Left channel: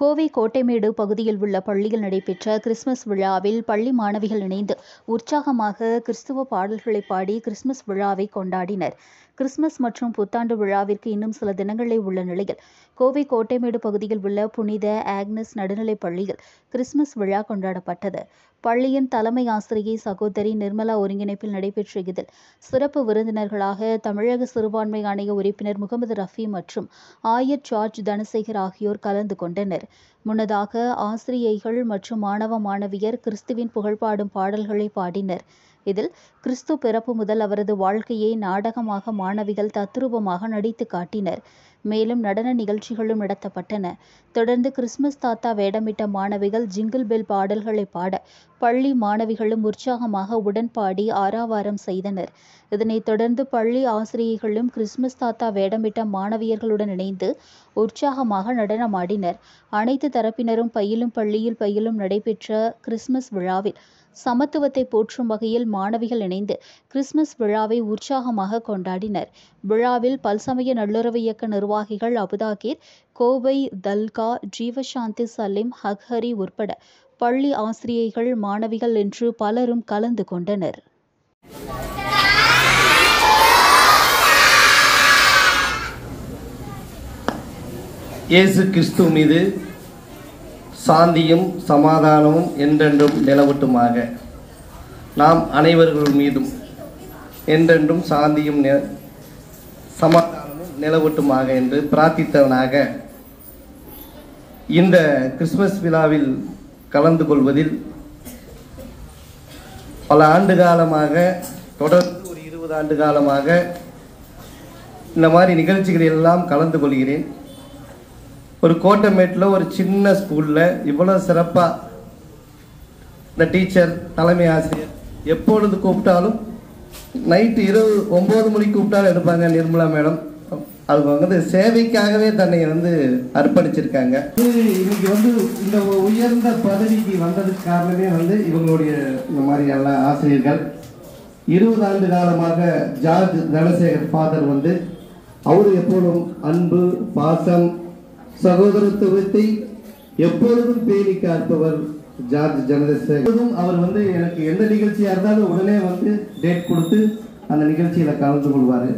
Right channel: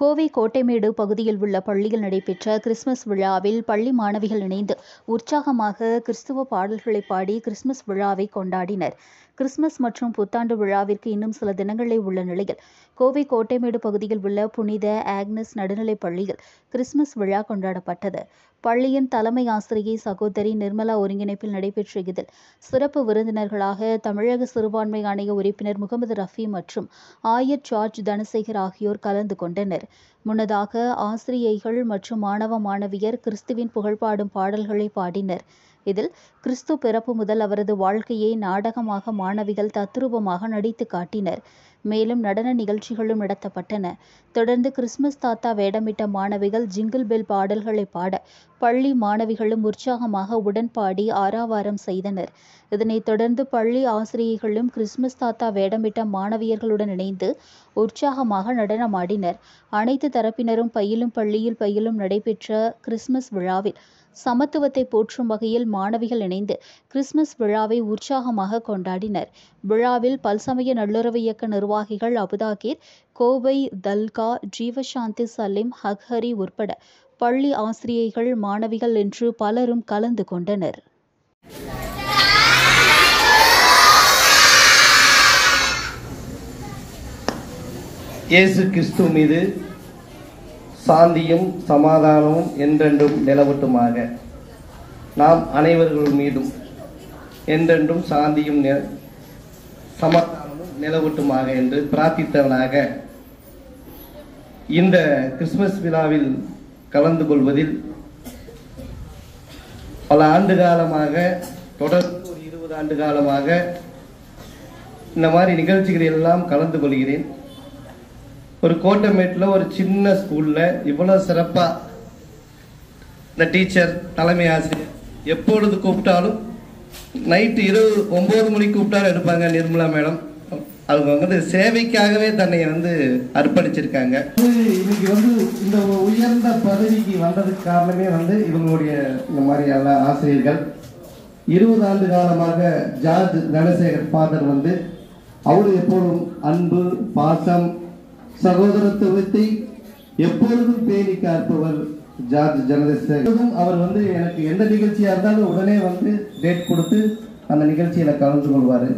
கோவை கோட்டைமேடு பகுதியில் உள்ள பள்ளியில் நடைபெற்ற கிறிஸ்துமஸ் விழாவில் பள்ளி மாணவிகள் இணைந்து உற்சாகமாக கிறிஸ்துவ பாடல்களை பாடி கிறிஸ்துமஸ் விழாவை கொண்டாடினர். கிறிஸ்துமஸ் மற்றும் புத்தாண்டு விழாவிற்கு இன்னும் சில தினங்களே உள்ள நிலையில் கோவை கோட்டைமேடு பகுதியில் உள்ள புனித ஆக்னஸ் நடுநிலைப் பள்ளியில் கிறிஸ்துமஸ் விழா கொண்டாடப்பட்டது. பள்ளியின் தலைமை ஆசிரியை சகோதரி நிர்மலா ஒருங்கிணைப்பில் நடைபெற்ற இதில் சிறப்பு விருந்தினர்களாக தமிழக சிறுபான்மை ஆணைய உறுப்பினர் முகமது ரஃபி மற்றும் ஆயர் ஜார்ஜ் தனசேகர் ஆகியோர் கலந்து கொண்டனர். முன்னதாக ஆசிரியைகள் மற்றும் மாணவ மாணவியர் கிறிஸ்துவின் புகழ்பாடும் பாடல்களை பாடினர். இதில் கிறிஸ்து பிறப்பு முதல் அவரது வாழ்க்கையை நாடகமாக மாணவிகள் தத்ரூபமாக நடித்து காட்டினர். மேலும் நடன நிகழ்ச்சிகளும் நடத்தப்பட்டன. தொடர்ந்து கிறிஸ்துமஸ் தாத்தா வேடமிட்ட மாணவிகள் ஜிங்கிள் பெல் பாடல்களை பாட பள்ளி மாணவிகளும் உற்சாகமாக உடன்பாடி ஆரவாரம் செய்தனர். இதனைத் தொடர்ந்து பள்ளி ஆசிரியைகளும் கிறிஸ்துமஸ் தாத்தா வேடமிட்ட மாணவியர்களுடன் இணைந்து உற்சாகமாக நடனமாடினர். அனைத்து தரப்பினரும் பயிலும் பள்ளியில் பயிலும் நடைபெற்ற கிறிஸ்துமஸ் விழாவில் சமத்துவத்தை போற்றும் வகையில் மாணவிகள் இணைந்து கிறிஸ்துமஸ் விழாவை உற்சாகமாக கொண்டாடினர். விழாவில் பல்சமய நல்லுறவு இயக்க நிர்வாகிகள் அபுதாகிர், கோவை தல்கா, ஜீவசாந்தி சலீம், ஹக்ஹரி உட்பட பள்ளி ஆசிரியைகள், மாணவிகள் என்று பலரும் கலந்து கொண்டனர். இயேசு கிறிஸ்து மீது சாந்தியும் சமாதானமும் என்றென்றும் நிலவட்டுமாக. நாம் அனைவர்கள் மீதும் என்றென்றும் சாந்தியும் சமாதானமும் நிலவட்டுமாக என்று பிரார்த்தித்தவனாக இந்த கிறிஸ்துமஸ் விழாவில் கலந்து கொள்வதில் பல ஆண்டு காலமாக, தொடர்ந்து ஒரு 20 ஆண்டு காலமாக இந்த மாதிரி நிகழ்ச்சிகளில் எல்லாம் கலந்து கொள்கிறேன். ஒரு கோட்டமேட்டில் ஒரு சின்ன ஸ்கூல்ல இவ்வளவு சிறப்பா இந்த டீச்சர், தலைமை ஆசிரியர் எப்பொழுது கூப்பிட்டாலும் நைட்டு 9 மணிக்கு கூப்பிட்டாலும் எடுப்பாங்க. நிர்மலா மேடம் அவங்க வந்து சேவைக்காகவே தன்னை வந்து அர்ப்பணிச்சிருக்காங்க. இன்னைக்கு வந்து இந்த உயர்ந்த பதவிக்கு வந்ததுக்கு காரணமே வந்து இவங்களுடைய இந்த மாதிரி எல்லா ஆசிரியர்கள். 20 ஆண்டு காலமாக ஜார்ஜ் தனசேகர் ஃபாதர் வந்து அவரு எப்போதும் அன்பு, பாசம், சகோதரத்துவத்தை எப்பொழுதும் பேணி காப்பவர் ஜார்ஜ் தனசேகர். அவர் வந்து எனக்கு எந்த நிகழ்ச்சியா இருந்தாலும் உடனே வந்து டேட் கொடுத்து அந்த நிகழ்ச்சியில கலந்து கொள்வாரு.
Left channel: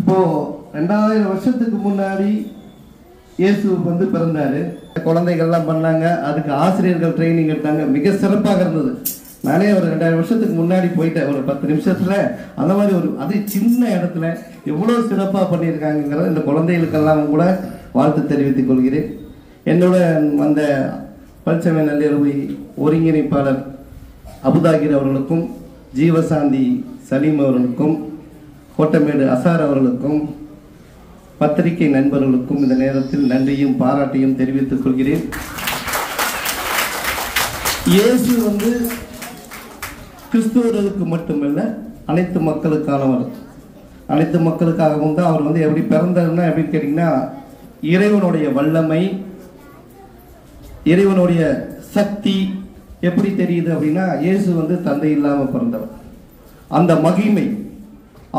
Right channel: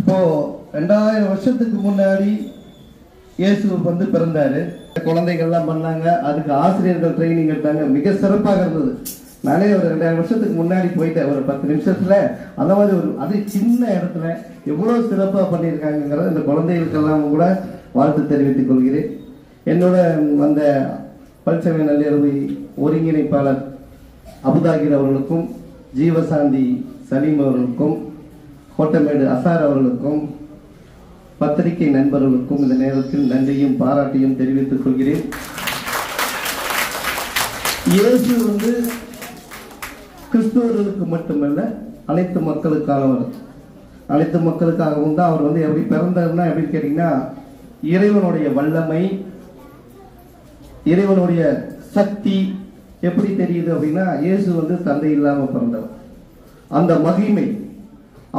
இப்போ 2000 வருஷத்துக்கு முன்னாடி இயேசு வந்து பிறந்தாரு. குழந்தைகள்லாம் பண்ணாங்க. அதுக்கு ஆசிரியர்கள் ட்ரைனிங் எடுத்தாங்க. மிக சிறப்பாக இருந்தது. நானே ஒரு 2000 வருஷத்துக்கு முன்னாடி போயிட்டேன். ஒரு 10 நிமிஷத்துல அந்த மாதிரி ஒரு அது சின்ன இடத்துல எவ்வளவு சிறப்பா பண்ணியிருக்காங்கிறத இந்த குழந்தைகளுக்கெல்லாம் கூட வாழ்த்து தெரிவித்துக் கொள்கிறேன். என்னோட வந்த பல்சமய நல்லுறவு ஒருங்கிணைப்பாளர் அபுதாகிர் அவர்களுக்கும், ஜீவசாந்தி சலீம் அவர்களுக்கும், கோட்டமேடு அசார் அவர்களுக்கும், பத்திரிகை நண்பர்களுக்கும் இந்த நேரத்தில் நன்றியும் பாராட்டியும் தெரிவித்துக் கொள்கிறேன். இயேசு வந்து கிறிஸ்துவர்களுக்கு மட்டுமல்ல, அனைத்து மக்களுக்கானவர். அனைத்து மக்களுக்காகவும் தான் அவர் வந்து எப்படி பிறந்தாருன்னா எப்படின்னு கேட்டீங்கன்னா, இறைவனுடைய வல்லமை, இறைவனுடைய சக்தி எப்படி தெரியுது அப்படின்னா, இயேசு வந்து தந்தை இல்லாம பிறந்தவர். அந்த மகிமை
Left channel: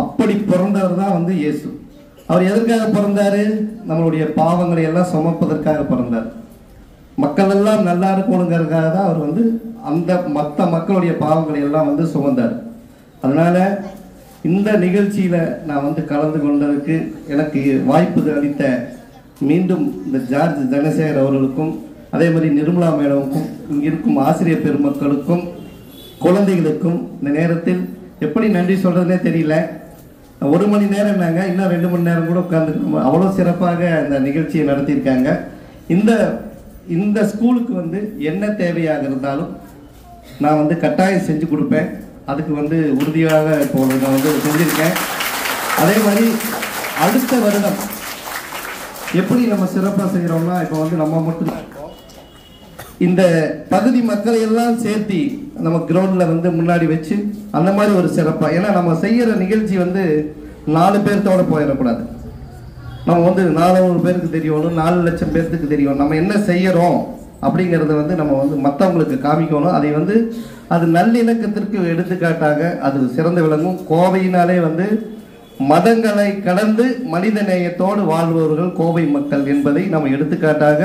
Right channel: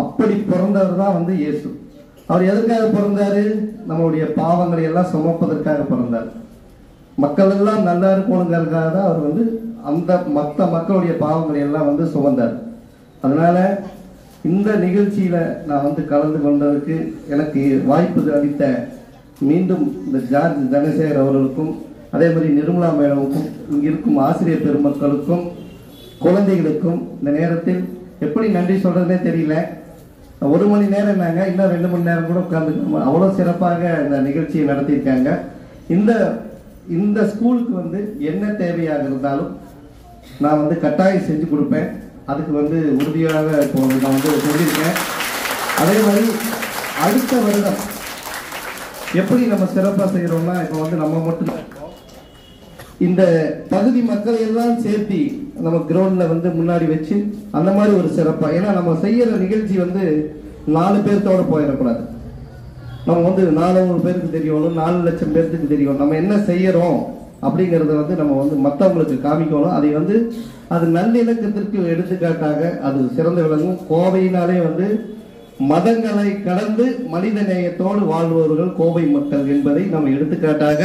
அப்படி பிறந்தவர் தான் வந்து இயேசு. அவர் எதற்காக பிறந்தாரு? நம்மளுடைய பாவங்களை எல்லாம் சுமப்பதற்காக பிறந்தார். மக்கள் எல்லாம் நல்லா இருக்கணுங்கிறதுக்காக தான் அவர் வந்து அந்த மற்ற மக்களுடைய பாவங்களை எல்லாம் வந்து சுமந்தார். அதனால இந்த நிகழ்ச்சியில நான் வந்து கலந்து கொண்டதற்கு எனக்கு வாய்ப்பு அளித்த மீண்டும் இந்த ஜார்ஜ் தனசேகர் அவர்களுக்கும், அதே மாதிரி நிர்மலா மேடமுக்கும், இங்க இருக்கும் ஆசிரியர் பெருமக்களுக்கும், குழந்தைகளுக்கும் இந்த நேரத்தில் எப்படி நன்றி சொல்றதுனே தெரியல. 1 மணி நேரம் நாங்க இன்னும் 2 மணி நேரம் கூட உட்கார்ந்து அவ்வளவு சிறப்பாக இந்த நிகழ்ச்சியை நடத்தியிருக்காங்க. இந்த ஸ்கூலுக்கு வந்து என்ன தேவையாக இருந்தாலும் நான் வந்து கட்டாயம் செஞ்சு கொடுப்பேன். அதுக்கு வந்து உறுதியாக இப்போ நான் வந்து சொல்லியிருக்கேன். அதே மாதிரி அடுத்த வருடம் எப்படி நம்ம சிறப்பாக செய்யறோம்னா, இப்போ வந்து நம்ம மட்டும்தான் இருக்கோம். இந்த பகுதி மக்களை எல்லாம் சேர்த்தி நம்ம கிரவுண்ட்ல வந்து முன்னாடி வச்சு அந்த மாதிரி ஒரு சிறப்பா, ஏன்னா நம்ம செய்யற நிகழ்ச்சி வந்து 4 பேர்த்தோட போயிடக்கூடாது. நம்ம வந்து 400 பேருக்கு தெரியணும், 4 லட்சம் பேருக்கு தெரியும் நம்ம என்ன செய்யறோம் அப்படிங்கறத வந்து நம்ம வந்து மற்றவங்களுக்கு காமிக்கணும். அதை வந்து அது நல்லிணக்கத்திற்கு எடுத்துக்காட்டாக அது சிறந்து விளங்கும். கோவையினாலே வந்து மதங்களை கடந்து மனித நேயத்தோடு வாழ்பவர்கள் கோவை மக்கள் என்பதை நம்ம எடுத்துக்காட்டாக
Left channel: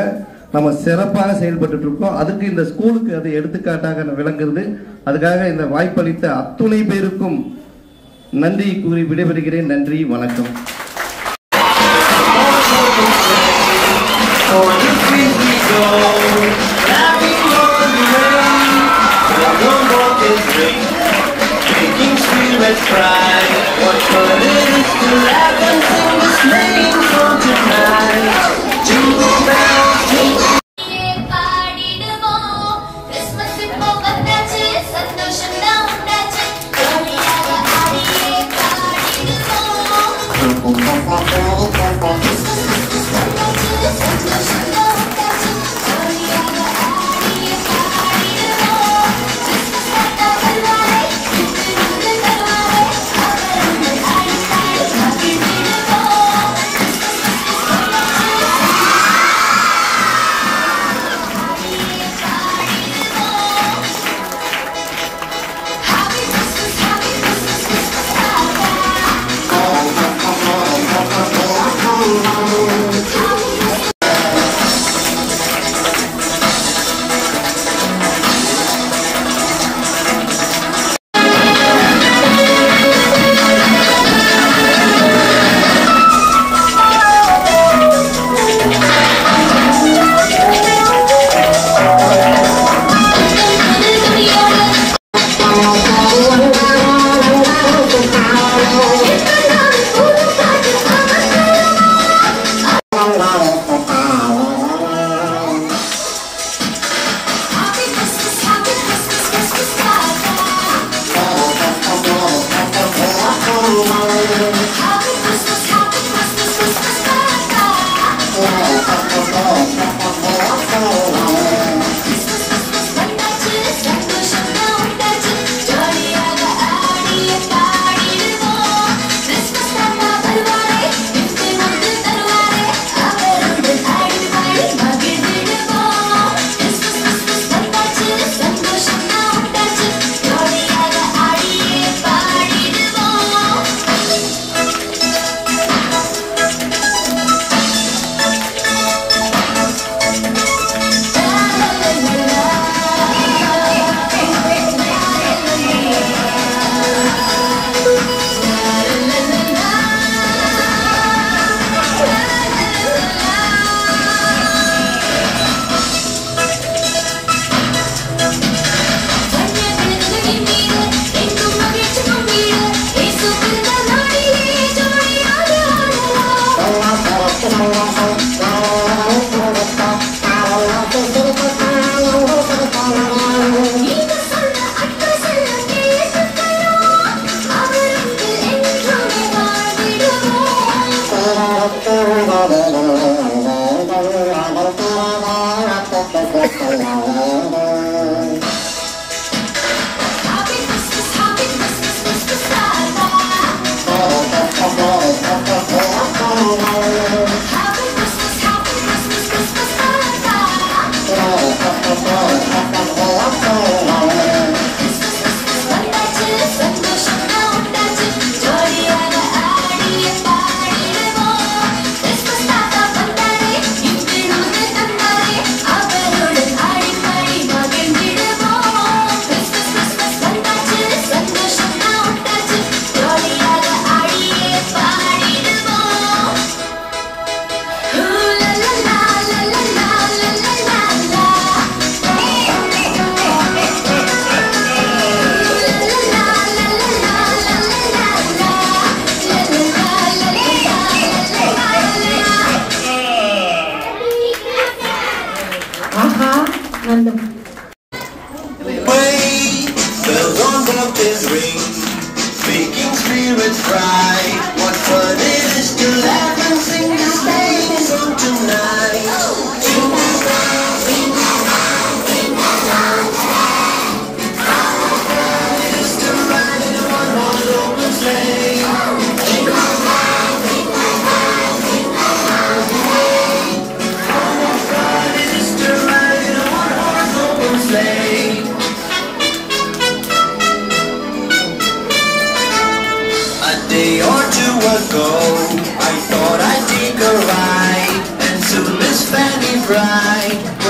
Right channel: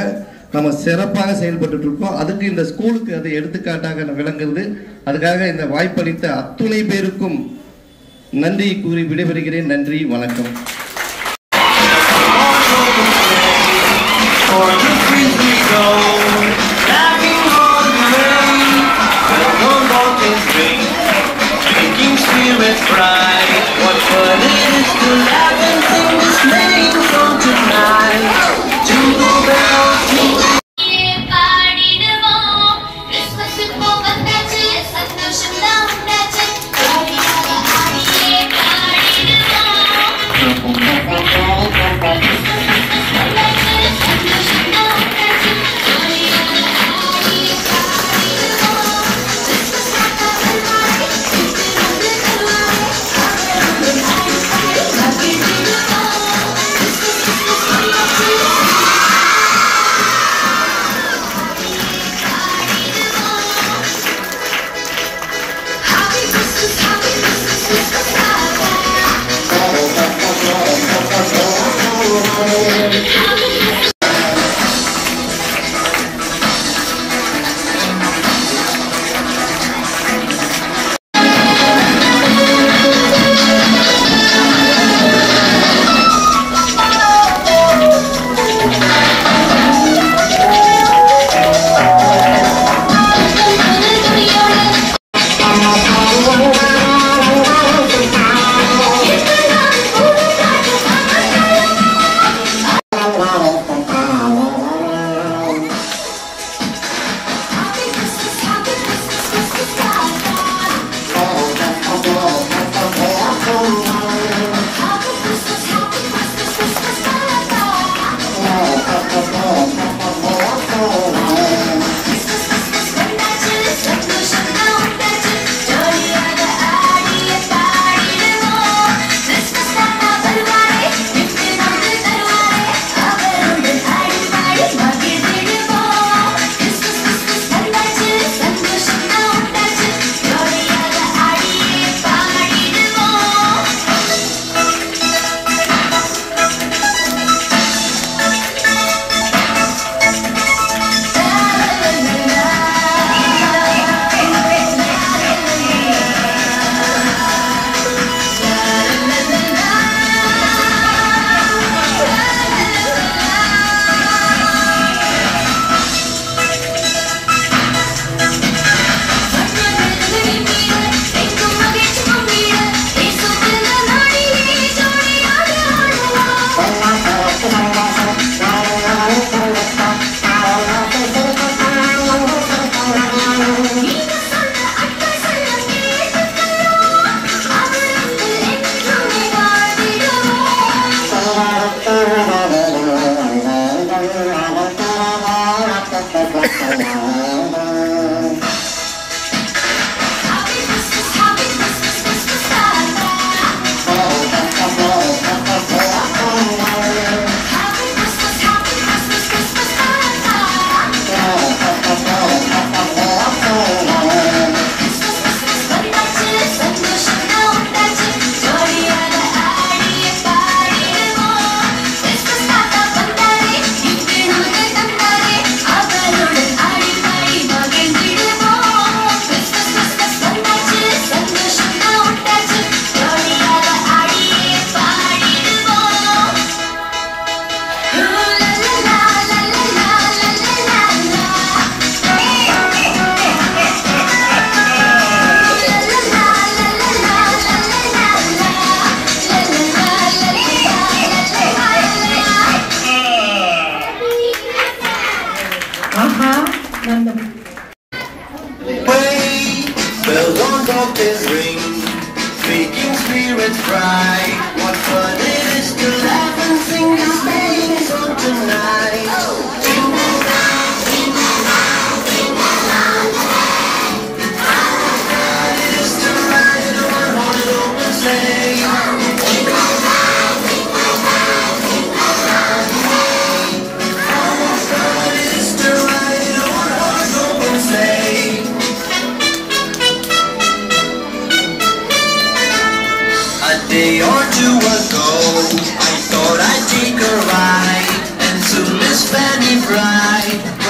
நம்ம சிறப்பாக செயல்பட்டு இருக்கோம். அதுக்கு இந்த ஸ்கூலுக்கு அது எடுத்துக்காட்டாக விளங்குறது. அதுக்காக இந்த வாய்ப்பளித்த அத்துணை பேருக்கும் நன்றி கூறி விடைபெறுகிறேன். நன்றி, வணக்கம்.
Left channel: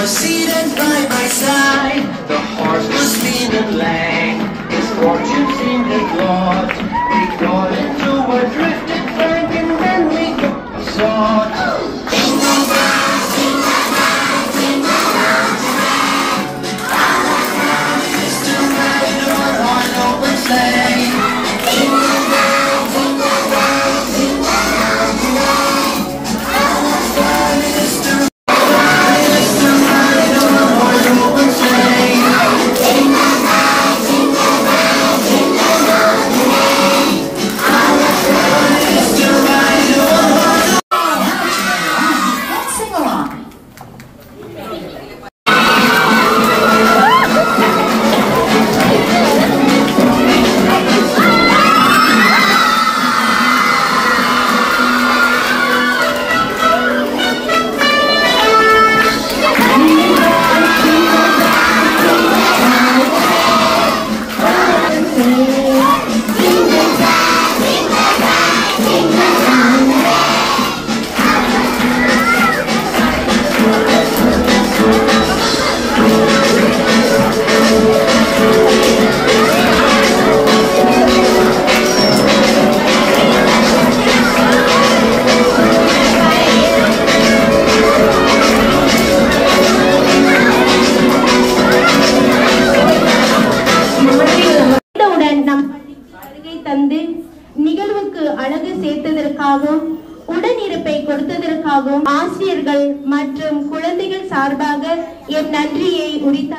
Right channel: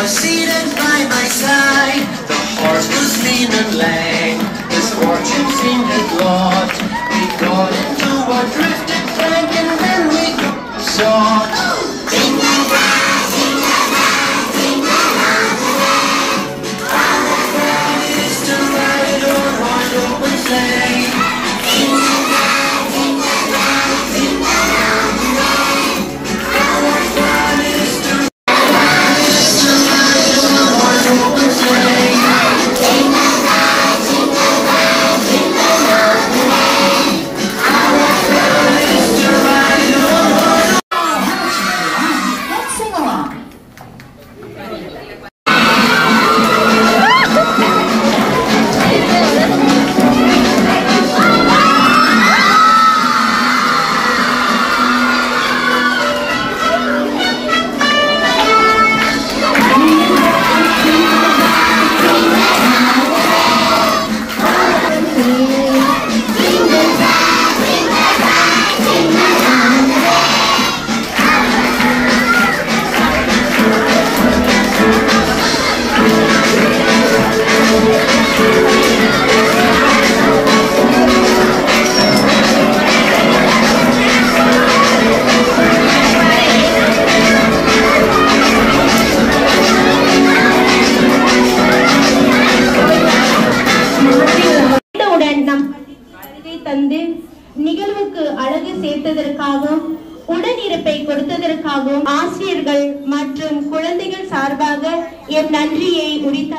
were seated by my side. The horse was steaming lane. His fortune seemed at lot. We got into a drifted plank and then we got shot. Jingle bells, jingle bells, jingle bells ring. All the world used to ride on one open sleigh. Jingle bells, jingle bells, jingle bells ring. All the world used to ride on one open sleigh. Jingle bells, jingle bells, jingle bells ring. All the world used to ride on one. Let's sing along. உடன் நம் வருகை தந்து நிகழ்வுக்கு அழகு சேர்த்ததற்காகவும் உடனிருப்பை கொடுத்ததற்காகவும் ஆசிரியர்கள் மற்றும் குழந்தைகள் சார்பாக என் நன்றியை உரித்தார்.